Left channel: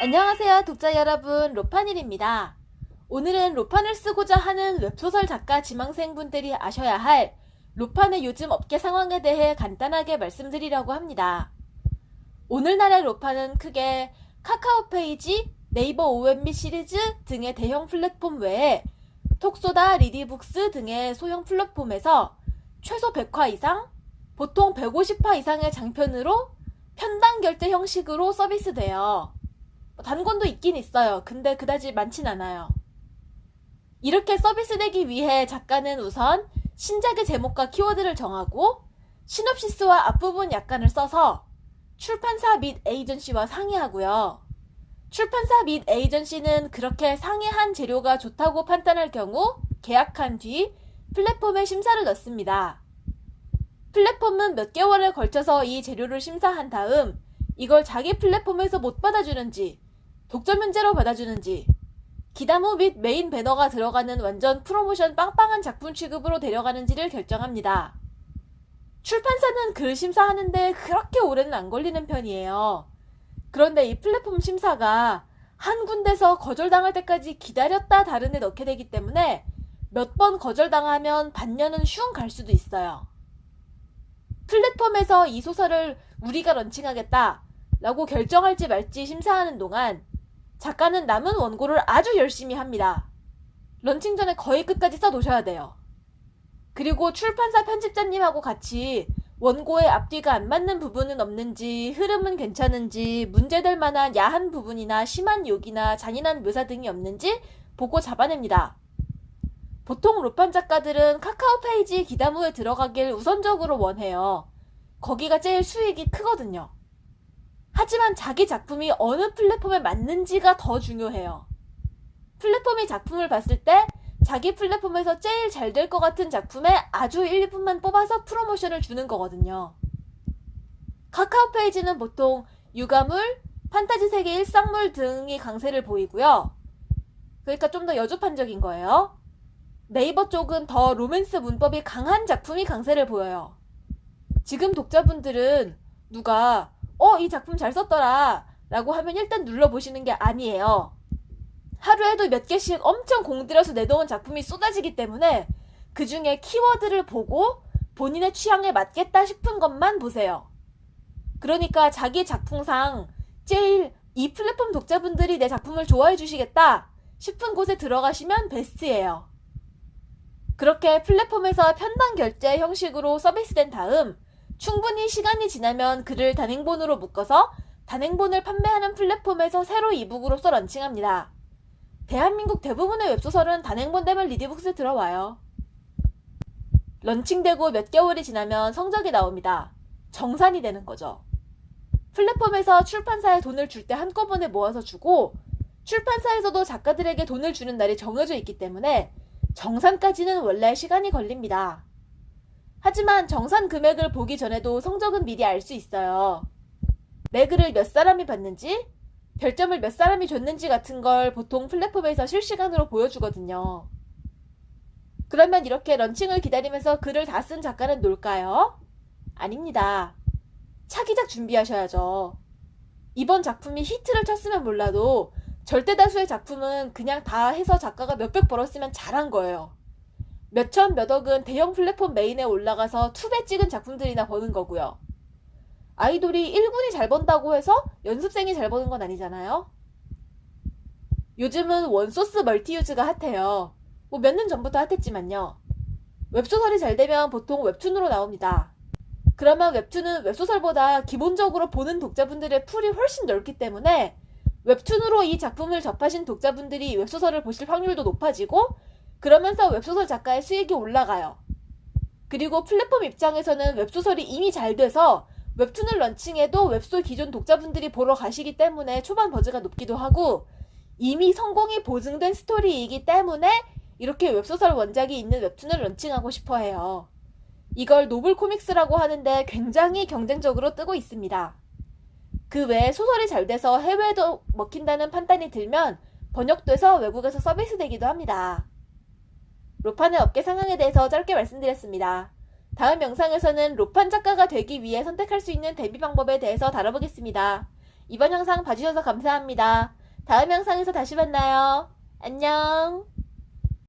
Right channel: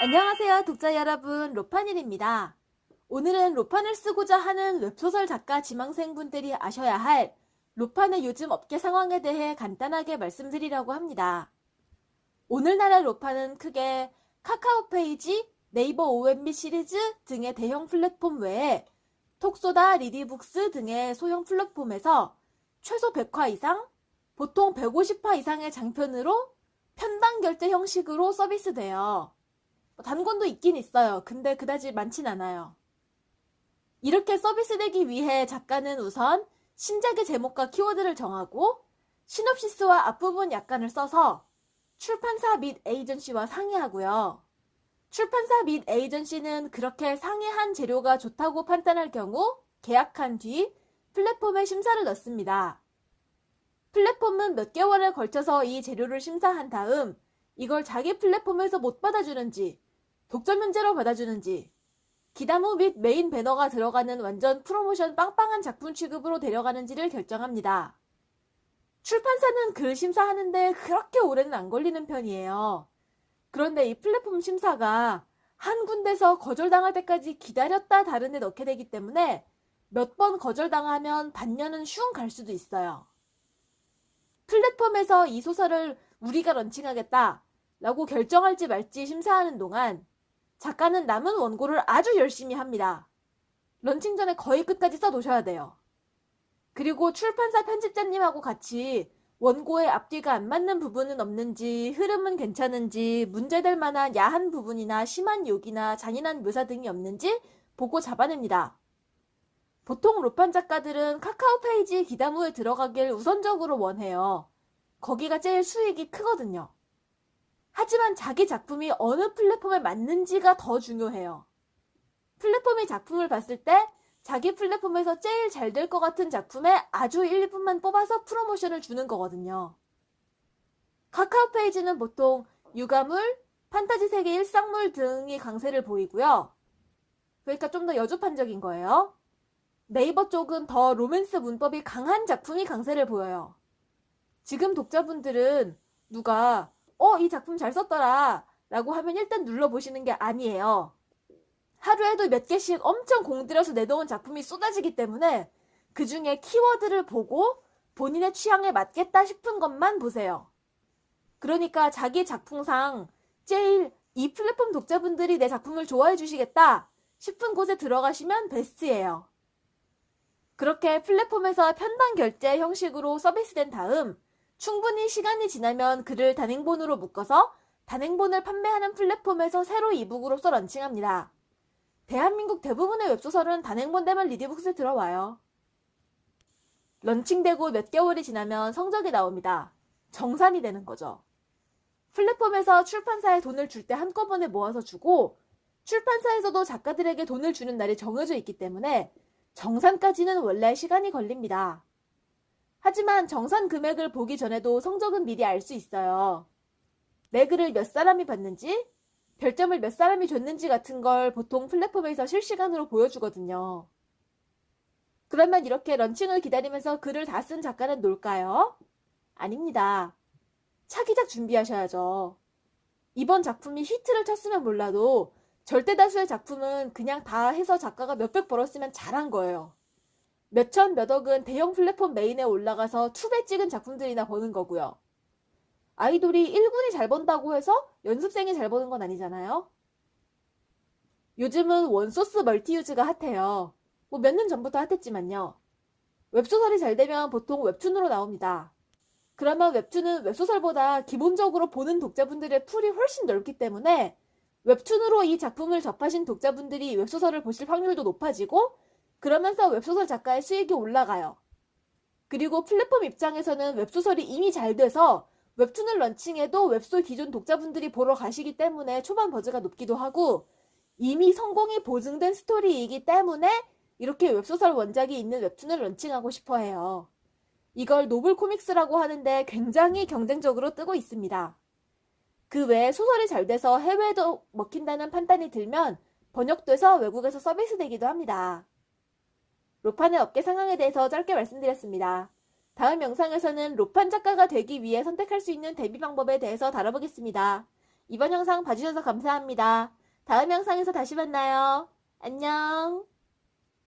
안녕하세요, 독자 여러분. 로판일입니다. 오늘은 로판을 쓰고자 하는 웹소설 작가 지망생분들이 아셔야 할 로판의 요즘 업계 상황에 대해 간단하게 말씀드리려고 합니다. 오늘날의 로판은 크게 카카오페이지, 네이버 OMB 시리즈 등의 대형 플랫폼 외에 톡소다, 리디북스 등의 소형 플랫폼에서 최소 100화 이상, 보통 150화 이상의 장편으로 편당 결제 형식으로 서비스되어 단권도 있긴 있어요. 근데 그다지 많진 않아요. 이렇게 서비스되기 위해 작가는 우선 신작의 제목과 키워드를 정하고 시놉시스와 앞부분 약관을 써서 출판사 및 에이전시와 상의하고요. 출판사 및 에이전시는 그렇게 상의한 재료가 좋다고 판단할 경우 계약한 뒤 플랫폼에 심사를 넣습니다. 플랫폼은 몇 개월에 걸쳐서 이 재료를 심사한 다음 이걸 자기 플랫폼에서 못 받아주는지 독점 현재로 받아주는지 기다무 및 메인 배너가 들어가는 완전 프로모션 빵빵한 작품 취급으로 데려가는지를 결정합니다. 출판사는 글 심사하는데 그렇게 오래는 안 걸리는 편이에요. 그런데 이 플랫폼 심사가 한 군데서 거절당할 때까지 기다렸다 다른 데 넣게 되기 때문에 몇 번 거절당하면 반년은 슝 갈 수도 있어요. 플랫폼에서 이 소설을 우리가 런칭하겠다 라고 결정할지 말지 심사하는 동안 작가는 남은 원고를 아주 열심히 합니다. 런칭 전에 거의 끝까지 써놓으셔야 돼요. 그리고 출판사 편집자님하고 같이 원고의 앞뒤가 안 맞는 부분은 없는지, 흐름은 괜찮은지, 문제될 만한 야한 부분이나 심한 욕이나 잔인한 묘사 등이 없는지 보고 잡아냅니다. 보통 로판 작가들은 카카오페이지 기다무에 들어가길 우선적으로 원해요. 거기가 제일 수익이 크거든요. 하지만 자기 작품이 어느 플랫폼에 맞는지가 더 중요해요. 플랫폼이 작품을 봤을 때 자기 플랫폼에서 제일 잘 될 것 같은 작품에 아주 일부만 뽑아서 프로모션을 주는 거거든요. 카카오페이지는 보통 유가물, 판타지 세계 일상물 등이 강세를 보이고요. 그러니까 좀 더 여주판적인 거예요. 네이버 쪽은 더 로맨스 문법이 강한 작품이 강세를 보여요. 지금 독자분들은 누가 이 작품 잘 썼더라 라고 하면 일단 눌러보시는 게 아니에요. 하루에도 몇 개씩 엄청 공들여서 내놓은 작품이 쏟아지기 때문에 그 중에 키워드를 보고 본인의 취향에 맞겠다 싶은 것만 보세요. 그러니까 자기 작품상 제일 이 플랫폼 독자분들이 내 작품을 좋아해 주시겠다 싶은 곳에 들어가시면 베스트예요. 그렇게 플랫폼에서 편당 결제 형식으로 서비스된 다음 충분히 시간이 지나면 글을 단행본으로 묶어서 단행본을 판매하는 플랫폼에서 새로 이북으로서 런칭합니다. 대한민국 대부분의 웹소설은 단행본 되면 리디북스에 들어와요. 런칭되고 몇 개월이 지나면 성적이 나옵니다. 정산이 되는 거죠. 플랫폼에서 출판사에 돈을 줄 때 한꺼번에 모아서 주고 출판사에서도 작가들에게 돈을 주는 날이 정해져 있기 때문에 정산까지는 원래 시간이 걸립니다. 하지만 정산 금액을 보기 전에도 성적은 미리 알 수 있어요. 내 글을 몇 사람이 봤는지, 별점을 몇 사람이 줬는지 같은 걸 보통 플랫폼에서 실시간으로 보여주거든요. 그러면 이렇게 런칭을 기다리면서 글을 다 쓴 작가는 놀까요? 아닙니다. 차기작 준비하셔야죠. 이번 작품이 히트를 쳤으면 몰라도 절대 다수의 작품은 그냥 다 해서 작가가 몇백 벌었으면 잘한 거예요. 몇천 몇억은 대형 플랫폼 메인에 올라가서 투배 찍은 작품들이나 버는 거고요. 아이돌이 1군이 잘 번다고 해서 연습생이 잘 버는 건 아니잖아요. 요즘은 원소스 멀티유즈가 핫해요. 몇 년 전부터 핫했지만요. 웹소설이 잘 되면 보통 웹툰으로 나옵니다. 그러면 웹툰은 웹소설보다 기본적으로 보는 독자분들의 풀이 훨씬 넓기 때문에 웹툰으로 이 작품을 접하신 독자분들이 웹소설을 보실 확률도 높아지고 그러면서 웹소설 작가의 수익이 올라가요. 그리고 플랫폼 입장에서는 웹소설이 이미 잘 돼서 웹툰을 런칭해도 웹소 기존 독자분들이 보러 가시기 때문에 초반 버즈가 높기도 하고 이미 성공이 보증된 스토리이기 때문에 이렇게 웹소설 원작이 있는 웹툰을 런칭하고 싶어 해요. 이걸 노블 코믹스라고 하는데 굉장히 경쟁적으로 뜨고 있습니다. 그 외에 소설이 잘 돼서 해외에도 먹힌다는 판단이 들면 번역돼서 외국에서 서비스되기도 합니다. 로판의 업계 상황에 대해서 짧게 말씀드렸습니다. 다음 영상에서는 로판 작가가 되기 위해 선택할 수 있는 대비 방법에 대해서 다뤄보겠습니다. 이번 영상 봐주셔서 감사합니다. 다음 영상에서 다시 만나요. 안녕.